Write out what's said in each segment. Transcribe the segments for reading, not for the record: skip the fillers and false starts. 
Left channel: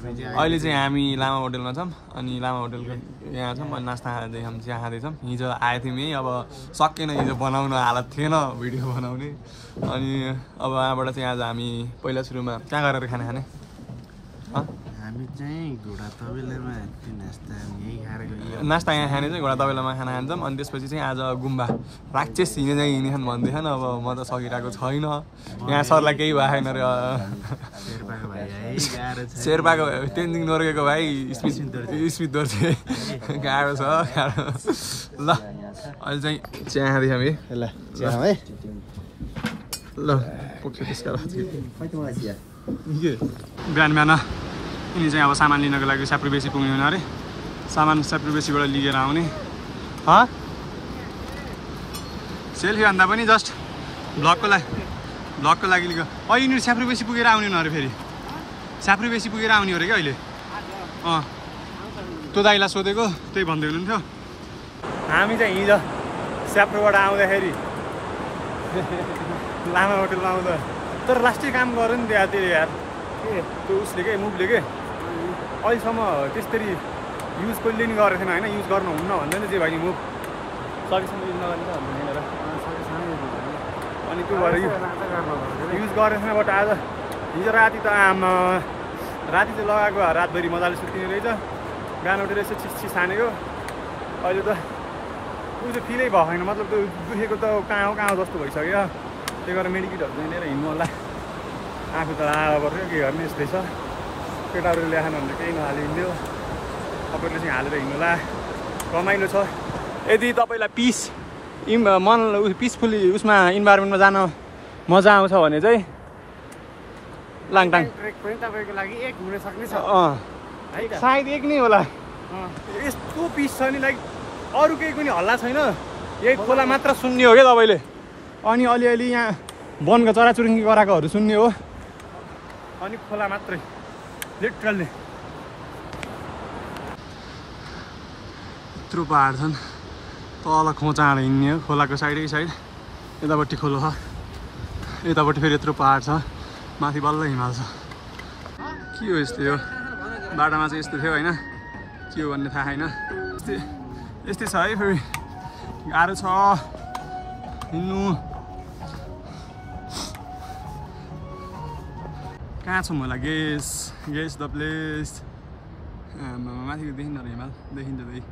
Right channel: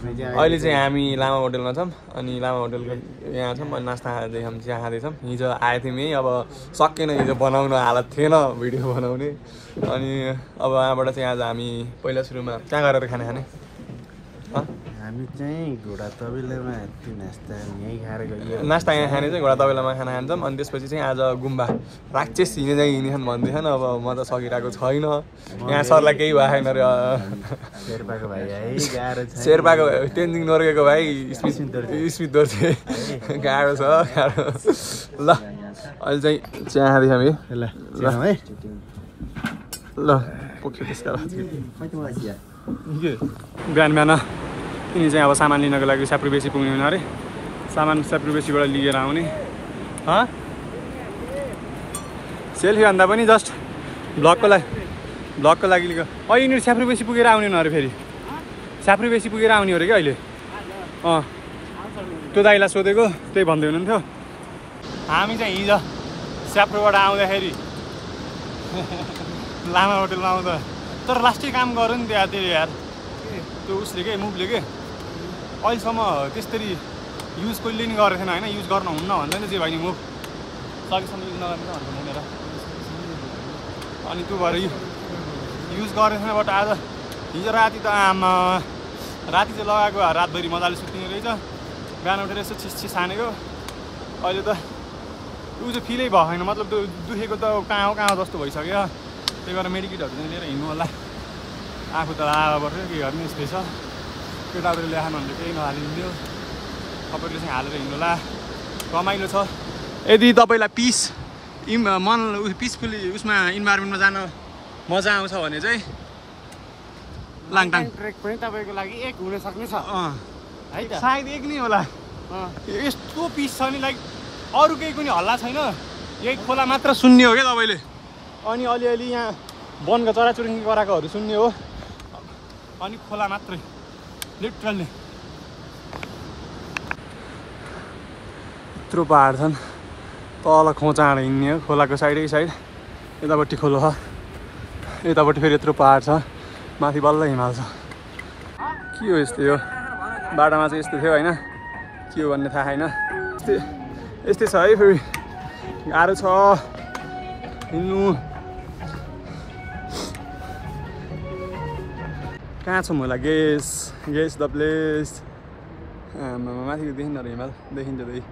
अहिले चाहिँ हामी लामा होटलमा छौँ अनि लामा होटलको यहाँ छौँ अनि नास्ता खाँदै हामी चिया खाँदैछौँ हिजो आएको थियौँ यहीँ अब सकेन हिजो बनाउन हालत थिएन भिडियो बनाउने अनि अब यहाँबाट चाहिँ आज हामी पहिला सुरुमा कहाँ गरेर खाना खाने हामी चाहिँ घोडा तबेलामा नास्ता यहीँ खाएर गयो नास्ता यहाँ खाने चाहिँ घोडा तबेलामा खाना खान्छौँ अनि त्यसपछि चाहिँ आज गुम्बा राक्षस हिँडे चाहिँ हिँड्छन् भन्दैछन् अब म त सकिरहेको छैन यहाँ सरलाई केही भएन अरे शेर्पाको भाइ है गाह्रो छ शेर्पाको तेन्जिङ नोर्गेको भाइ स्मित दोर्जे गाह्रो छ गाह्रो ल अहिले चाहिँ चिया खाँदैछ हामी ल पुग्छ त्यसका बिहान बिहान यिनी चाहिँ अब सामान लिनको लागि स्याप्री बेसी पुग्ने हुने अरे सामान स्याप्री बेसीबाट लिएर आउने सेल्फी भन्दा पनि जस्ट ब्लगको लागि लिएको यिनीहरू स्याप्री बेसी पुगेर आउने हुनु अरे फेरि स्याप्री बेसी पुगेर आउने अरे क्या अहिले त्यो दाइलाई सोधेको त्यही भन्दै हुनुहुन्थ्यो हामी चाहिँ हिजो स्याप्रोबाट आउँदाखेरि लामा होटलमा आउँदा तर लास्टै काम गऱ्यो नि त्यो यार त्यो उसले के मुभले के अहिलेसम्म त्यसरी युज कहिले नि गरेको थिएन होइन युज गर्नु हुन्न भन्दैन जे भाइ नि मुभ सकेसम्म युज नगर्ने त भन्दैन होइन र अनि त्यो भएर युज गरेको थिएन बट आज हिजो राति त आमा राति चाहिँ लगाएको रातभरि मजाले सुत्ने रहेछ बिहान उठेर यसो छिस हानेको अहिले त ऊ चाहिँ फिलै भएको छैन मतलब त्यो दुखेको त कहाँ जस्तो भइसक्यो त्यही भएर मेडिकेटहरू चाहिँ लिएर हिँड्नु होला आफू त लाभा पर्थ्यो के गर्ने यस्तै छ केटाहरूले ल्याएन भने केही नहालिदिन्थ्यो तपाईँहरूले चाहिँ हालेर हिँड्नु होला रमाइलो छ यदि तपाईँलाई पिसफुल्ली उसमा इन्भाइरोमेन्टमा जान मजा आउँछ भने चाहिँ लाङटाङ तपाईँको लागि एक हुन सक्ने छ सायद एक नै होला यस्तो पिस छ नि लाइक अरू केही पनि हल्ला छैन यही खोला मात्र सुन्ने हो क्या तपाईँले अनि अलिअलि यहाँ वनको चराचुरुङ्गी गराएकोहरू सुन्ने हो अनि खोला मात्रै लिटरल्ली यत्रो पहाड छन् तल खोचाएर हिँड्ने हो खोलाको साइड यतापट्टि खोलो छ यतापट्टि फेरि यत्रो पहाड छ माथि बल्ल हिमाल छ के हो यस्तो यो बाटोमा चाहिँ यस्तो थियो होइन के हो भन्ने थाहा छैन यस्तै छ है फेरि गाह्रो छ हिँड्नु कहाँ छौँ होला गेस द प्लेस माथिको देखिन्न र हिमाल देखिन्छ त्यही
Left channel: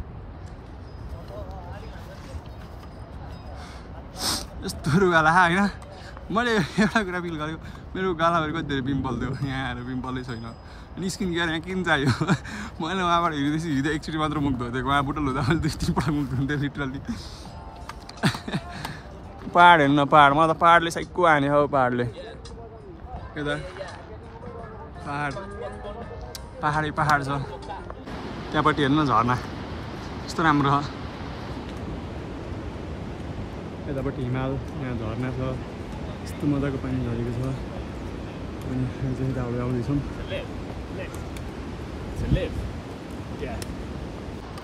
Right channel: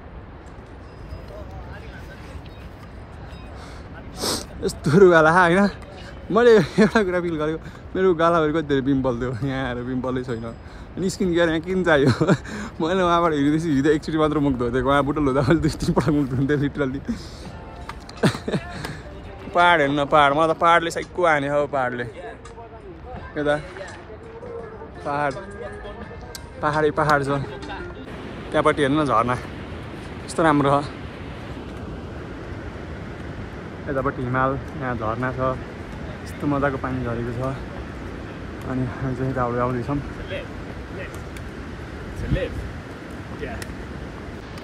यस्तो गाला होइन मैले एउटा कुरा फिल गरेको मेरो गालाहरू कति धेरै पिम्पल थियो यहाँ आएर पिम्पलै छैन अनि स्किन केयर यहाँ किन चाहियो मैले उहाँबाट हिँड्दै एकचोटि मात्र मुख धोइदिएको उहाँ बुटल हुँदा मैले 2-3 पटक मुख धुन्थेँ लिटरल्ली पहाड हेर्नु न पहाड म त पहाडले साइको हाने हो पहाडले यता पहाड छ त्यहाँपट्टि हेर्नु न झर्ना कस्तो राम्रो छ यतापट्टि हिमाल यहाँ झर्ना छ यस्तो मजाको पानी झरेको छ अनि हामी चाहिँ यता आउँदैछौँ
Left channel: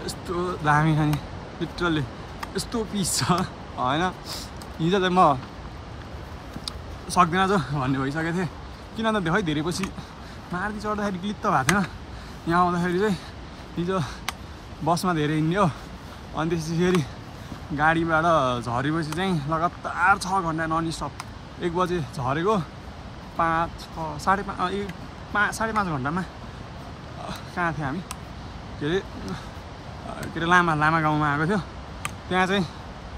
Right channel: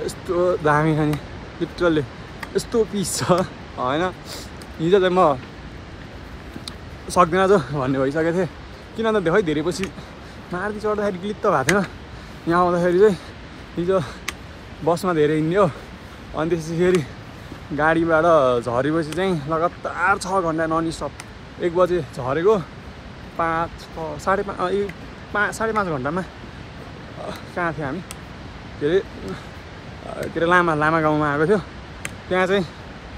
यस्तो दामी छ नि लिटरल्ली यस्तो पिस छ होइन हिजो चाहिँ म सक्दिनँ जो भन्ने भइसकेको थिएँ किन त देखै धेरै पछि मार्दी चढ्दाखेरि क्लिक त भएको थिएन यहाँ आउँदाखेरि चाहिँ हिजो बसमा धेरै हिँड्ने हो अनि त्यसपछि फेरि गाडीबाट झरेपछि चाहिँ लगातार 6 घन्टा नन स्टप 1 बजे झरेको 5-6 साढे 5 घन्टामा कहाँ थियो हामी के अरे लामा गाउँमा आएको थियो त्यहाँ चाहिँ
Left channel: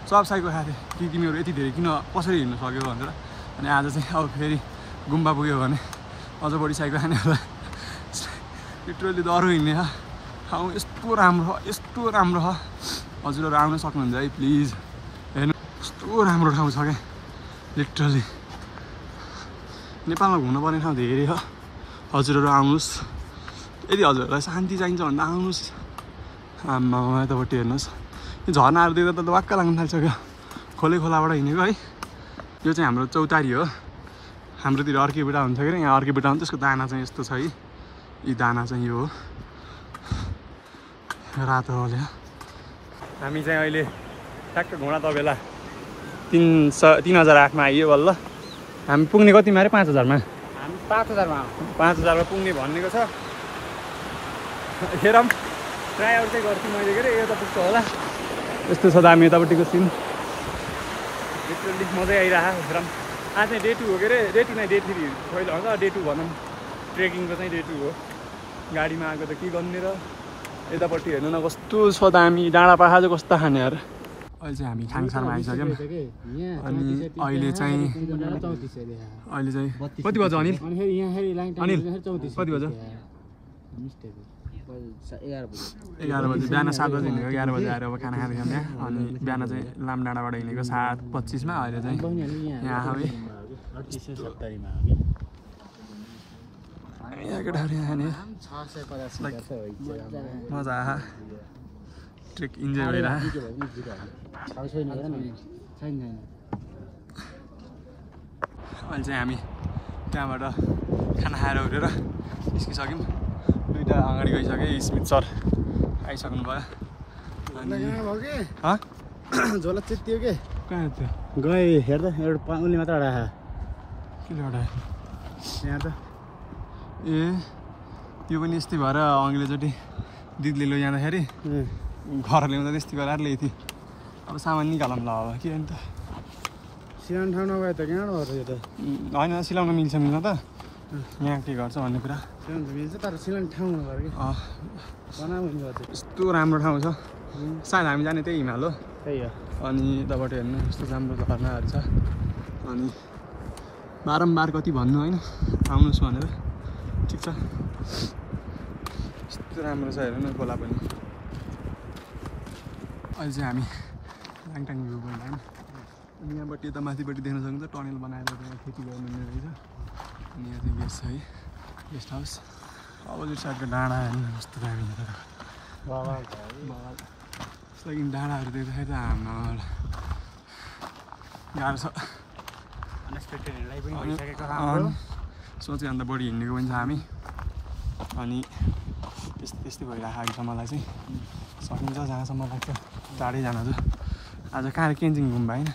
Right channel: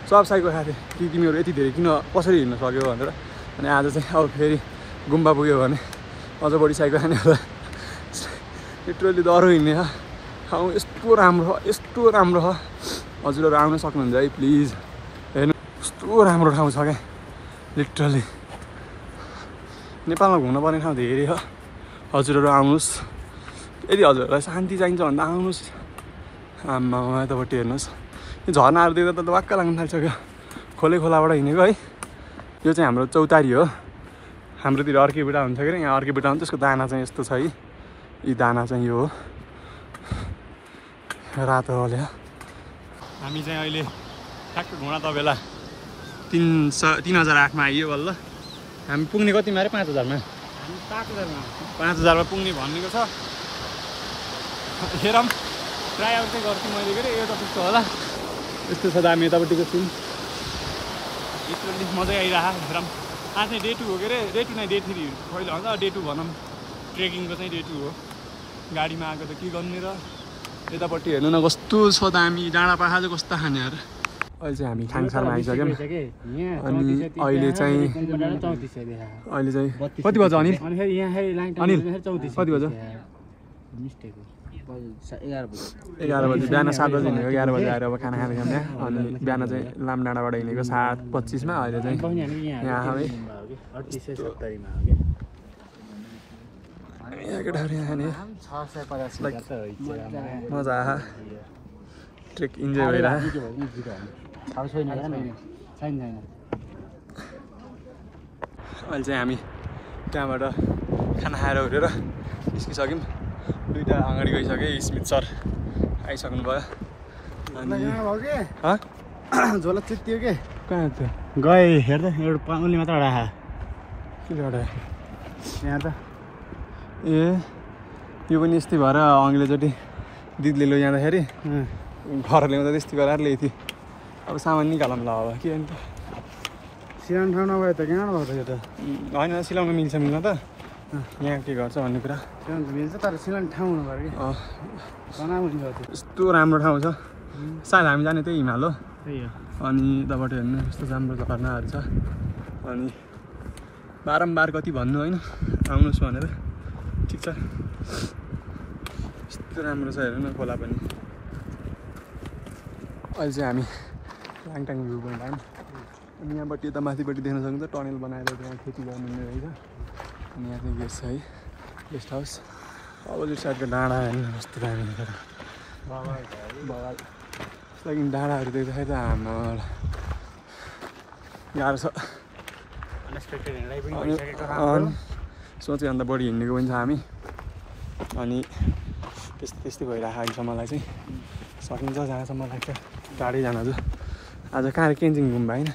सब साइको खाएको थियो कि तिमीहरू यति धेरै किन कसरी हिँड्न सक्यो भनेर अनि आज चाहिँ अब फेरि गुम्बा पुग्यो भने अझ बढी साइको खाने होला लिटरली डह्रो हिँड्ने छ ठाउँ यस्तो राम्रो छ हजुरहरू आउन सक्नुहुन्छ है प्लिज हेर्नु यस्तो राम्रो ठाउँ छ क्या लिटरली नेपालमा घुम्नुपर्ने ठाउँ धेरै छ हजुरहरू आउनुहोस् यदि हजुरहरूलाई शान्ति चाहिन्छ भन्दा आउनुहोस् आम्मा यतापट्टि हेर्नुहोस् यो झर्नाहरू देख्दा त वाक्क लाग्न थालिसक्यो खोलाबाट हिँडेको है यो चाहिँ हाम्रो चौतारी हो हाम्रोतिर अर्कै बुढा हुन्छ कि यहाँ अर्कै बुढा हुन्छ त्यसको दाना चाहिँ यस्तो छ है यी दाना चाहिँ यो हो रातो हल्या हामी चाहिँ अहिले ठ्याक्क घोडा तबेला 3008मा आइयो बल्ल हामी पुग्ने कतिमा अरे 5000मा हामी 5000मा 5000मा पुग्ने भनेको छ हेरौँ ट्राई आउट चाहिँ गर्छु मैले के अरे यता पुग्छ होला यस्तो छ दामी यतापट्टिको सिन लिटरली मजै आइरहेको हेरौँ आज चाहिँ डे 2 हो के अरे डे 2 नै डे 3 पहिला हुन्छ डे 2 भनौँ ट्रेकिङको चाहिँ डे 2 हो गाडीमा आएको त के गर्ने र यतापट्टि हेर्नु न कस्तो छ दामी डाँडा पाखा चाहिँ कस्तो खाने यार अहिले चाहिँ हामी खाङसारमा आइसक्यौँ अनि अहिले चाहिँ कति बज्यो अनिल कति बज्यो 11 बजी बिहान 7 बजी हिँडेको 11 बजी आएर अब खाना खाँदैछौँ यहाँ अनि बिहान चाहिँ लामडाँडाबाट हिँडेको 7:25 मा अहिले चाहिँ यहाँ है मजा आयो ट्रेक इन्जोय भइरहेको अहिले चाहिँ हामी त्यहाँबाट खाना खाएर उठेर निस्किसक्यौँ दुईवटा अगाडि गइसक्यो स्मित सर आइसक्नु भयो अनि झोला चित्तियो के कहाँ थियो गए हेर्दा एउटा पाउली मात्र राखा के एउटा यहाँ त ए त्यो पनि यस्तै भएर अङ्ग्रेजोटी दिदीले लैजाँदाखेरि घर ल्याउँदा त्यस्तै गराएर ल्याएको थियो अब सामान निकालौँ ल अब के अन्त सिलाउनु ठाउँ नभए त किन नभएको यो त होइन सिलाउनु मिल्छ मिल्न त यहाँ के गर्छ भन्ने कुरा सिलाउनु मिल्छ तर सिलाउने ठाउँ हुनु पर्यो कि यस्तो राम्रो ठाउँ छ सायद हामी जाने त्यही हिमाल हो त्यही हो अनि यताबाट हेर्नु यस्तो राम्रो झरनाहरू छ अनि बारम्बार कति भन्नु होइन आउनुहोस् भनेर ठिक छ यस्तो राम्रो छ हेर्नु न खोला पनि अहिले चाहिँ हामी लाङटाङ भ्यू पोइन्ट आयौँ अनि यहाँबाट यता माथिपट्टि देख्न सक्नुहुन्छ टनल बनाएर त्यहाँ खेती गर्नुहुने रहेछ अनि यहाँ चाहिँ गेस्ट छ है गेस्ट हाउस अपोजिट साइडको डाँडा हेर्नु कस्तो दामी बगाल लागि डाँडाहरू देख्दाखेरि त हाम्रो गाह्रो छ सोचेभन्दा बढी हिँडेको पनि छ हामी अनि त्यस्तै भइरहेको अहिलेसम्मलाई चाहिँ सकिन्छ जहाँसम्म लाग्छ टाढै जानु आज कहाँ केन्जिङ गुम्बा होइन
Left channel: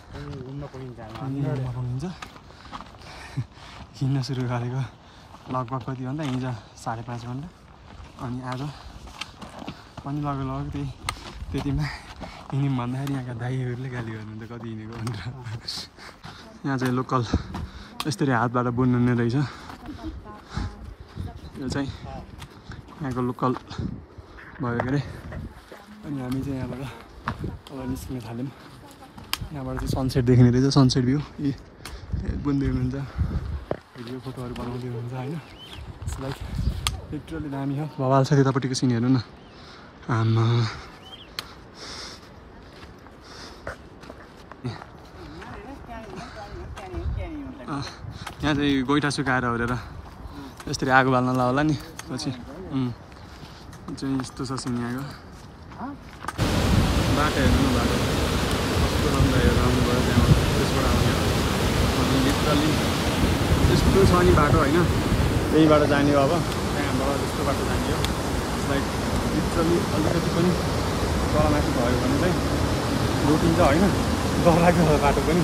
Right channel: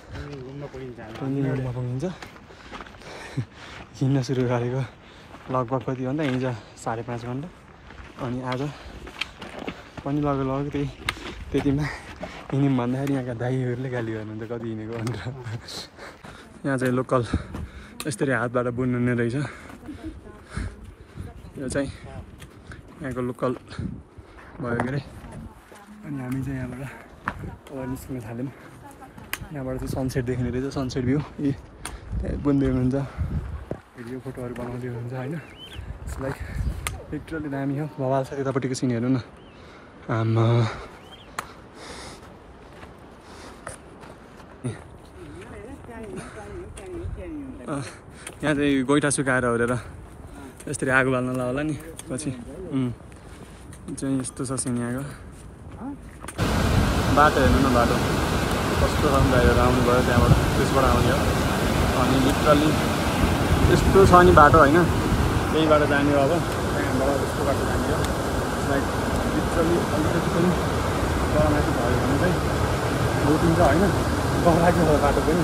केन्जिङ गुम्बा पुगिन्छ हिँड्न सुरु गरेको लगभग कति घन्टा हिँड्छ 5.5 घन्टा अनि आज पनि लगभग त्यतिमा हिँड्यौँ भन्दाखेरि यहाँका दाइहरूले गाली गर्नुहुन्छ कति हिँडेको भनेर यहाँ चाहिँ लोकल यसरी हातबाट बुन्नुहुने रहेछ यो चाहिँ यहाँको लोकल भयो के अरे अनि हामी चाहिँ यहाँबाट अब निस्किन थाल्यौँ यहाँबाट चाहिँ सनसेट देख्ने रहेछ सनसेट भ्यू ए बुन्दै हुनुहुन्छ भिडियो फोटोहरू बनाउँदै हुनुहुन्छ होइन लाइक लिटरली दामी हो भवाल छ त्यतापट्टिको सिन हेर्नु न आमा यहाँ चाहिँ गोइठा सुकाएर ओरेर यसरी आगो बाल्न होला नि पछि चाहिँ यस्तो छ सिन यहाँको बाटो हेर्नु न बाटो कस्तो राम्रो हेरेर आउनुभयो त्यहाँबाट त्यसबाट आउने हो अनि लिटरली यस्तो छ नि बाटो होइन त्यहीबाट जाने हो अब त्यहाँबाट त्यस्तो बाटो जाने हो लाइक लिटरली अलिकति पनि तलमाथि भयो भने चाहिँ रोटिन्छ होइन डर लाग्यो बाटो पनि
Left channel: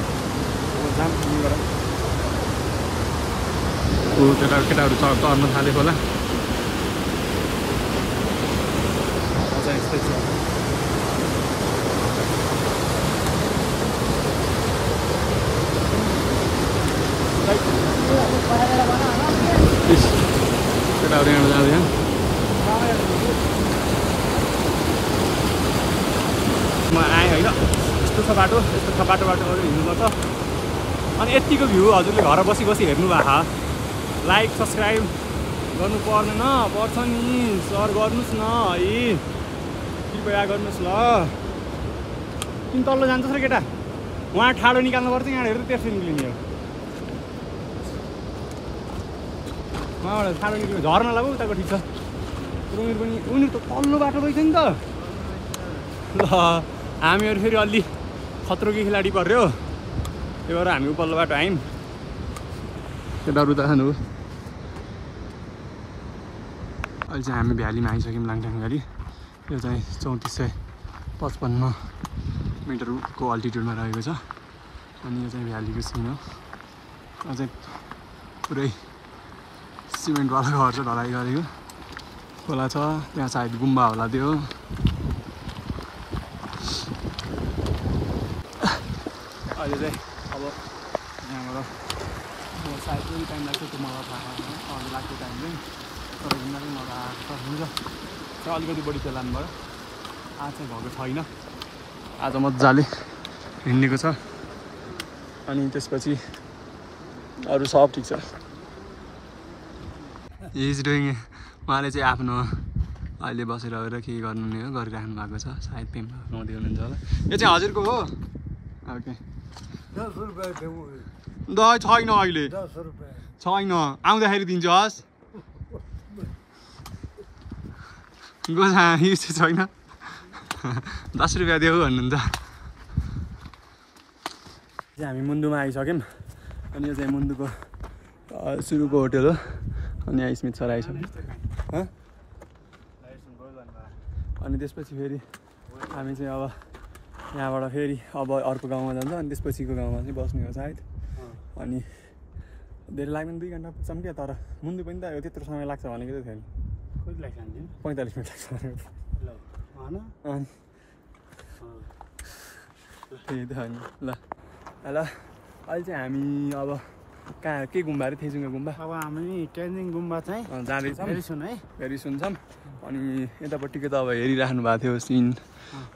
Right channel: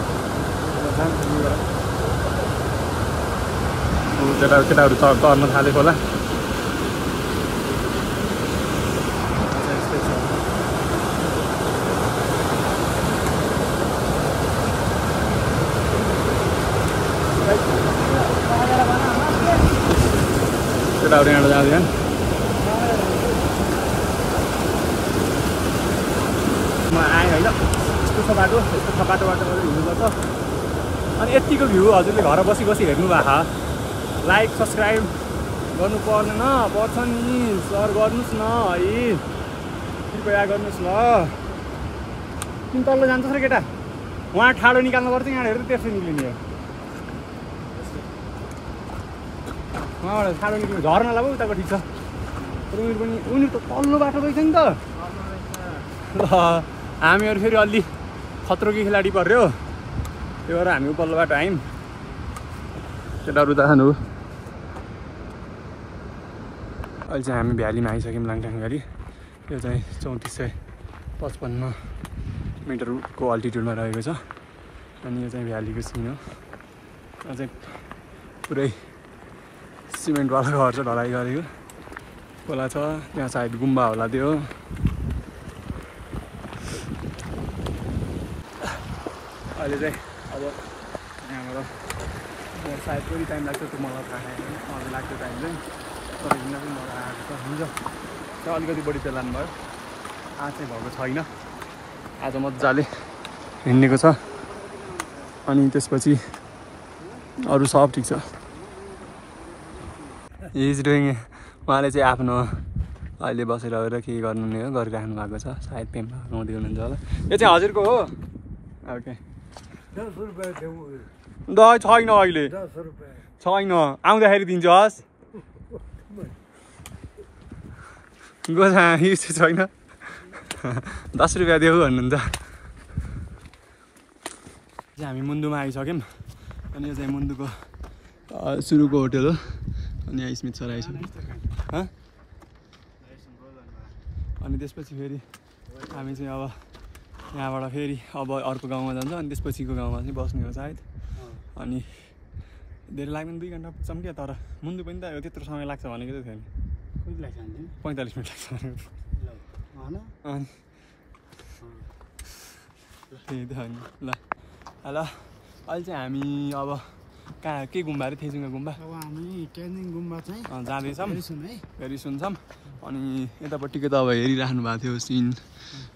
जान्छ यहीँबाट केटाहरू तर्न थालेको होला यस्तै छ केटाहरू यहाँबाट जाँदैन म आएँ होइन यस्तो छ बाटो यस्तो छ बाटोबाट हिँड्नुपर्छ अनि यतिको भ्यू हजुरले घर बसी हेर्नु भएको लाइक सब्सक्राइब गर्नु पर्दैन पर्छ नि सर गर्नुहोस् न है कृपया गर्नुहोस् ल किन तल्लो जान्छस् र केटा उहाँ ठाडो निकाल्नुपर्छ यहाँ हेर्दा त्यसरी निक्लिने हो उहाँबाट ठाडो निक्लिनु झर्न लाग्यो उताको ठिक छ तर उनीहरू त तल्लो बाटो रहेछ नि त ल हामीहरू फेरि अलि खत्रोकी खेलाडी पर्यो त्यही भएर हामी उपल्लो बाटो आयौँ केटाहरू त खानु अहिले चाहिँ हामी भ्यालीमा आइसक्यौँ लाङटाङ भ्याली यो चाहिँ 3455 मिटरको अल्टिट्युडमा रहेको छ अनि यो चाहिँ भ्यालीको सिन हो यो चाहिँ पुरै सिमेन्टवाला घर छ ढलाइ गरेको खोला छ त्यहाँ सायद गुम्बा होला त्यो अहिले चाहिँ अब यहाँबाट सायद कति टाइम लाग्छ त्यो मलाई थाहा छैन अझै लाग्छ टाइम चाहिँ तर हिँड्न चाहिँ मलाई आएको छ हुन्छ त्यहाँ अलिकति बढी पेलान भयो आज चाहिँ भएको छैन आज मजाले हिँडेको छ अनि त्यसपछि अरू सब ठिक छ इज डुइङ उहाँले चाहिँ आफ्नो अहिले बसेर के गर्नु नै हो गरिराख्नु भएको छ सायद पेम्पा हुँदै हुनुहुन्छ होला यो चाहिँ हजुरको हो ओके 10 रुपैयाँ देऊ द छैन अहिले 10 रुपैयाँ छैन आउँदाखेरि दिन्छु हस् गोसा युज छैन 10 रुपैयाँ देऊ भन्नुहुन्छ हामी मुन्दुमा आइसक्यौँ अनि यो चाहिँ मुन्दुको सुरुको होटल हो अनि यहाँ स्मित सर आइसक्यो अनि त्यसपछि फेरि हामी चाहिँ अब यहाँबाट फेरि अब अर्को गाउँमा जान्छ अनि त्यसपछिको गाउँमा चाहिँ बस्ने हो सायद अनि धेरै लाग्दैन 2 घन्टा पुग्छौँ क्या तर मुन्दु पनि त त्यत्रो समय लाग्छ भनेको चाहिँ थियो नि 45 मिनट लाग्छ अनि त्यही त अनि ल ल अहिले चाहिँ हामी अब कहाँ के गुम्बा अरे थेजुङ्गा गुम्बा अब हामी क्यान्जिङ गुम्बा चाहिँ जाँदैछौँ है फेरि सुन्छौँ अनि यतापट्टिको त अब हेरिराख्नु भएको थियो सिन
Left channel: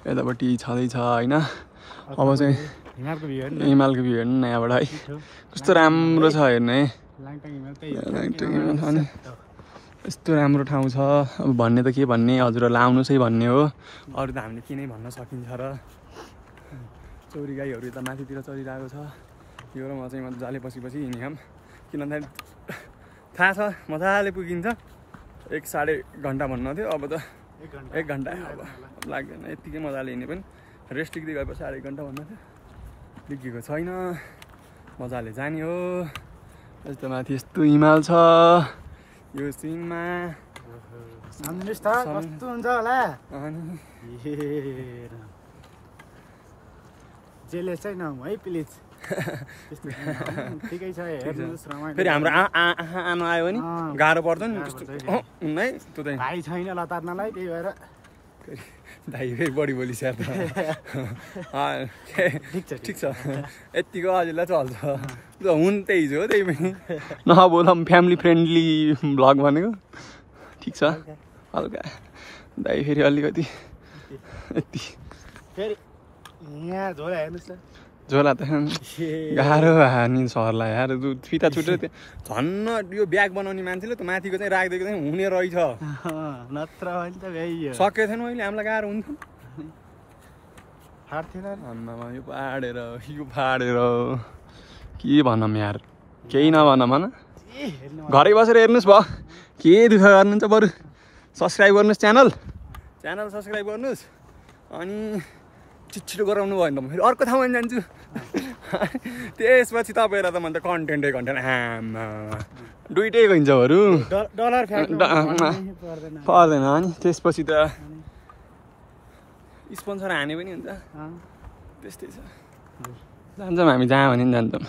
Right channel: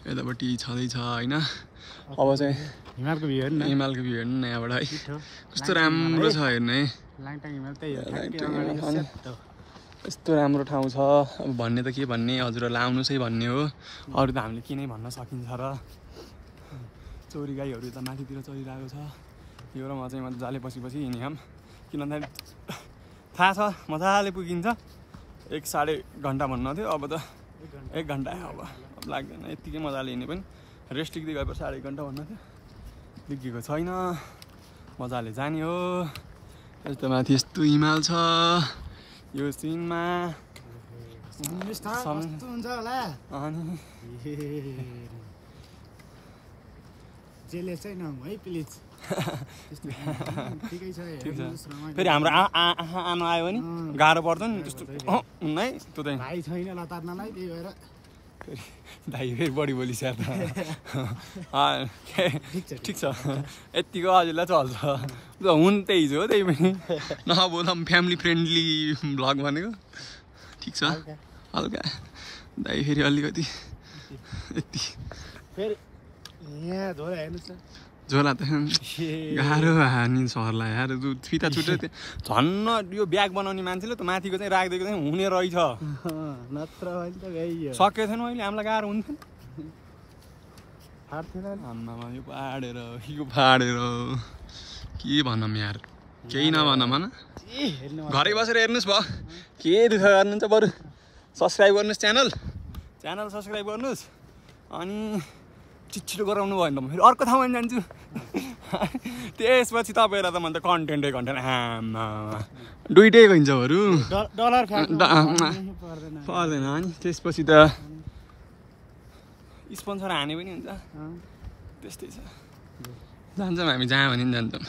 यतापट्टि छँदैछ होइन अब चाहिँ हिमालको भ्यू हेर्नु हिमालको भ्यू हेर्नु न यहाँबाट है कस्तो राम्रो छ हेर्नु है लाङटाङ हिमाल त्यही हो यस्तो राम्रो ठाउँ छ अब भन्ने त के भन्ने हजुरहरूलाई आउनुहोस् है भन्ने हो अरू त हामीले के नै भन्न सकिन्छ र चौरी गाईहरू त माथितिर चलिरहेको छ यो र म चाहिँ मजाले पछि हिँड्यौँ किन भन्दाखेरि थाहा छ मजाले पुगिन्छ 1.5 घन्टा भन्नु थियो अब त 1 घन्टा अब लाग्दैन यत्तिकै मजाले हिँड्ने पनि रेस्ट टिक्दै गएपछि 1.5 घन्टा भन्नु थियो बिग्रेको छैन मजाले जाने हो यस्तो माथि यस्तो हिमाल छ यो सिनमा कस्तो हुन्छ होला अनि जेले चाहिँ नहुँ है प्लिज ठिकै छ हेर्नुहोस् रमाइलो फेरि हाम्रो आमा आयो भने गाह्रो पर्छ नि त्यस्तो हुन्न है त्यो चाहिँ भाइ छैन लतार्नलाई त्यही भएर फेरि भाइ फेरि बढी बोलिस्याहार ठिक छ यत्तिको हजुरलाई चल्छ हुन् त्यही हो त्यही पनि नबोलौँ फ्यामिली फ्रेन्डली भ्लग भनेको ठिक छ हल्का दाइ फेरि अलिकति यति फेरि यहाँ झोला हेर्नुहोस् त झोला त गाह्रो भयो नि सरलाई यार फिता छुटेर त्यो झन्न यो ब्याग बनाउने मान्छेले त माथिको चाहिँ राखिदिएको चाहिँ हुने रहेछ नत्र सकेको थिएन अहिले हामीलाई गाह्रो हुन्थ्यो आम्मामा यो फाडेर के भनौँ यार केही नभनौँ भन घरै बसेर हेर्नुहोस् भयो के दुःख गर्नुहुन्छ बरु सब्सक्राइब गर्नुहोस् च्यानल सब्सक्राइब गर्नुहोस् अनि छिटो गराउनु भएन म फेरि अर्को ठाउँमा जान्छु त्यसपछि तपाईँहरूलाई त म त कन्टेन्टै आमा दुइटै गइन्छ बरु पर्दैन नि त्यसपछि त स्पोन्सर हाने पनि हुन्छ त्यस्तै छ जान्छौँ हामी जहाँ भने पनि जान्छौँ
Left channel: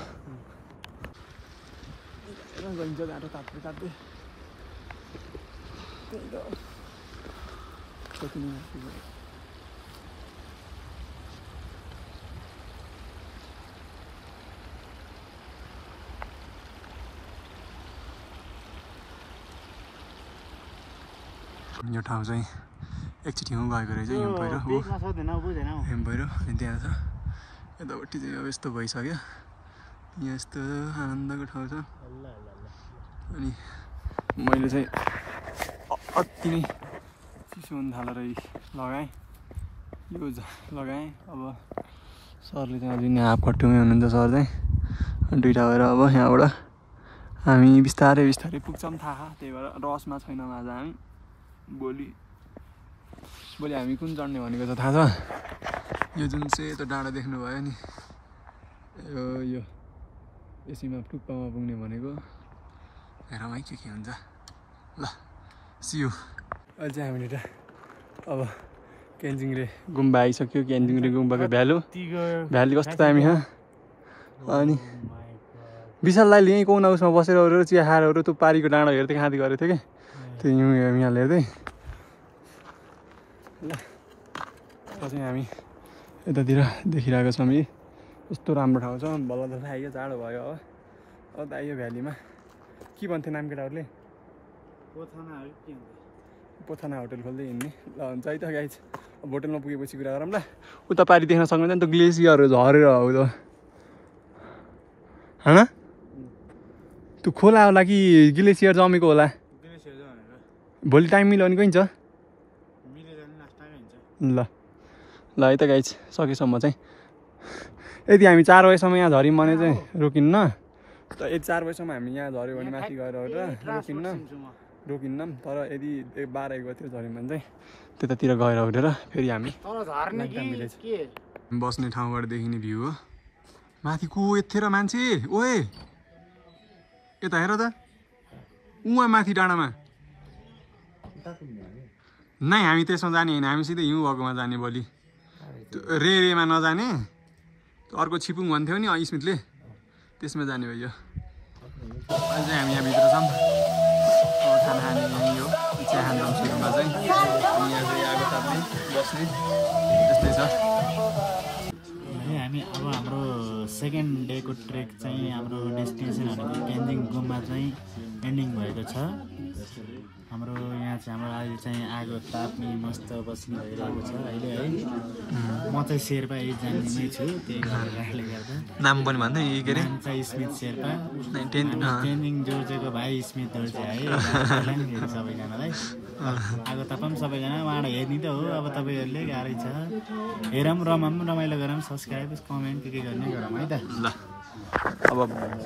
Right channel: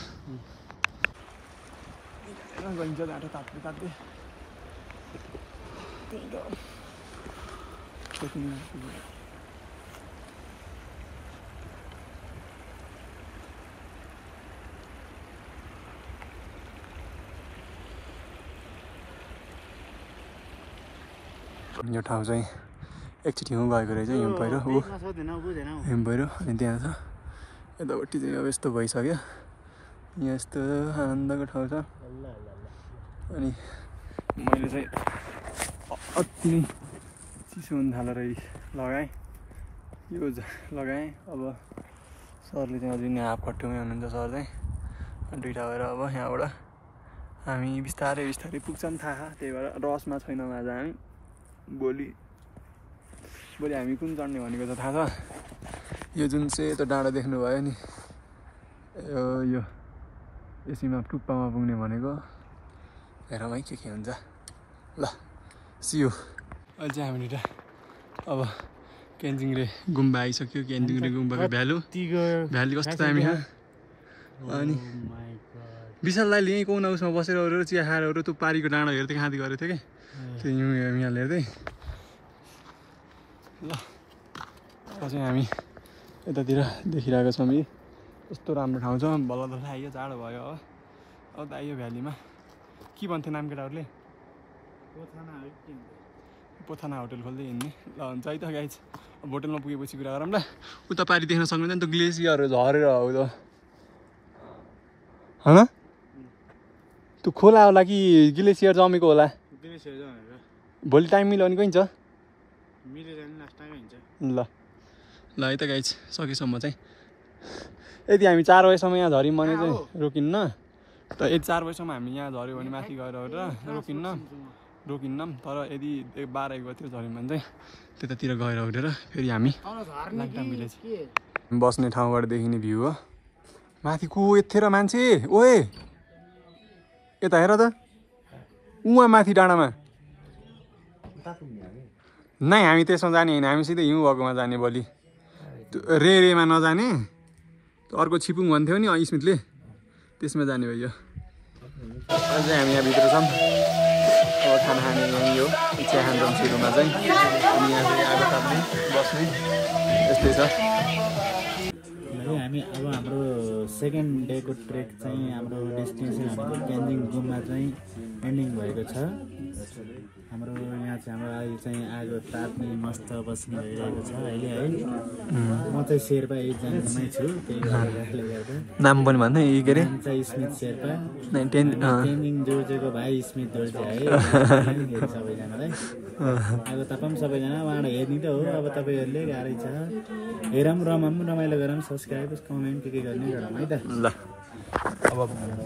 यो ठाउँ चाहिँ एकचोटि हुँ गएको रहेछ हिउँ पहिरो हिउँ पहिरो अनि त्यहाँ छ यतापट्टि चाहिँ अब यस्तो भइसक्यो यहाँ यस्तो आनन्दको ठाउँ छ अनि मैले चाहिँ अति नै चिसो हुन थालेर लगाएँ यो लगाएँ अब सरले चाहिँ अझै यहाँ हाफकट्टुमै हुनुहुन्छ सर चाहिँ दुइटा भएर अब यहाँबाट हामी बिस्तारै पुग्छौँ थाहा त्यही भएर रसमा छैनौँ आज हामी भोलि हामी कुन चढ्ने भनेको त थाहा छ यो जुन सेतो डाँडा देख्नुभयो नि यो यसैमा टुप्पामा पुग्ने भनेको हेरौँ है के हुन्छ ल सियो अहिले चाहिँ हामीले अब क्यान्जिङरे गुम्बा आइसक्यो क्यान्जिङरे गुम्बाको भ्याली कस्तो दामी हो अनि विशाललाई यहीँ कुना उसमा बसेर चिया खाएर त्यो पारीको डाँडा हेर्दै खाँदै गरेको थियो कि त्यो यहाँ हेर्दै ल अब चाहिँ हामी यतातिर देखिरहेको छौँ यी यस्तो राम्रो ठाउँ छ बल्ल त आइयो जाडो भयो हो अब त आइयो भ्यालीमा के भन्थ्यो नाम केटाहरूले पोथाना होटल खोल्दै हिँड्ने ल हुन्छ है त गाइज अब होटलमा पुगेपछि कुरा गरौँ ल उता पारि देख्न सक्नुहुन्छ नि त ग्लेसियरहरू झरेर हो त होइन त्यो खोला होला कि ग्लेसियर जमेको होला भोलि टाइम मिलाउने गइन्छ ल ल है त गाइज सकेसम्म चाहिँ यदि हामी 4 बजीसम्म यहाँ झऱ्यौँ भने चाहिँ रोकिन्न त यदि 4 बजीसम्म हामी यहाँ झऱ्यो भने माथि गएर रोकिन्न तर यदि 12-1 बजीतिर झऱ्यौँ भने चाहिँ त्यतातिर गएर उठेर फेरि हामी लाङटाङ भिलेज बस्ने ठाउँबाट देखिने भ्यू हो माथि को यत्थेर मान्छे ओए यता हेर त उहाँ माथि डाँडामा नै हामी त्यसमा जाने होइन हामी सिधै हिउँ भएकोमा जाने भोलि रेमा नजाने अर्को छिपुङ भन्थ्यो नि स्मितले त्यसमा जाने भयो अझै हामी यहाँ भित्र छौँ अब खाना खाने यहीँ हो चिया खान्छौँ सुरुमा चाहिँ अनि यहाँ फेरि आगो ताप्ने बस्ने यस्तै छ हामी अब हाम्रो सेकेन्ड डेको ट्रेक चाहिँ हाम्रो डेस्टिनेसन भनेको तेन्जिङ गुम्बा चाहिँ एन्डिङ भएको छ हाम्रो यहाँ चाहिँ हाम्रो अहिले चाहिँ आगो ताप्ने मस्त बस्ने भइरहेको छ अहिले है म चाहिँ शेर्पा जान्नेमै छु त्यही कारणले गर्दा नाम पनि भन्दै के अरे स्मित शेर्पा तेन्जिङ जोर्जेको भाइ स्मित जोर्जे है सबैजनालाई आगो तापौँ सबैजना उहाँबाट हेर्ने त हो अब तपाईँहरूले गाह्रै छ हेरौँ रमाइलो गरौँ सब्सक्राइब कमेन्ट के गर्ने गरौँ है त ल अब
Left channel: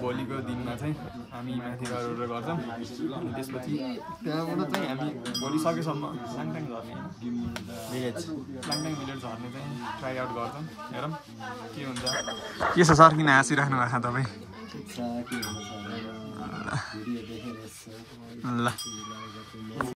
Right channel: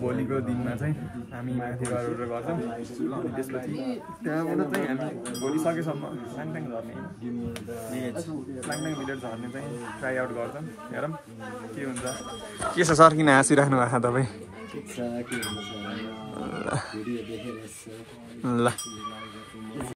भोलिको दिनमा चाहिँ हामी माथि गएर गर्छौँ अनि त्यसपछि त्यहाँबाट चाहिँ हामी भोलि सकेसम्म लाङटाङ झर्ने लाङटाङ भिलेज झर्ने चाहिँ ट्राई आउट गर्छौँ हेरौँ के हुन्छ के छ सर किन हाँसिराख्नु भएको छ तपाईँ ल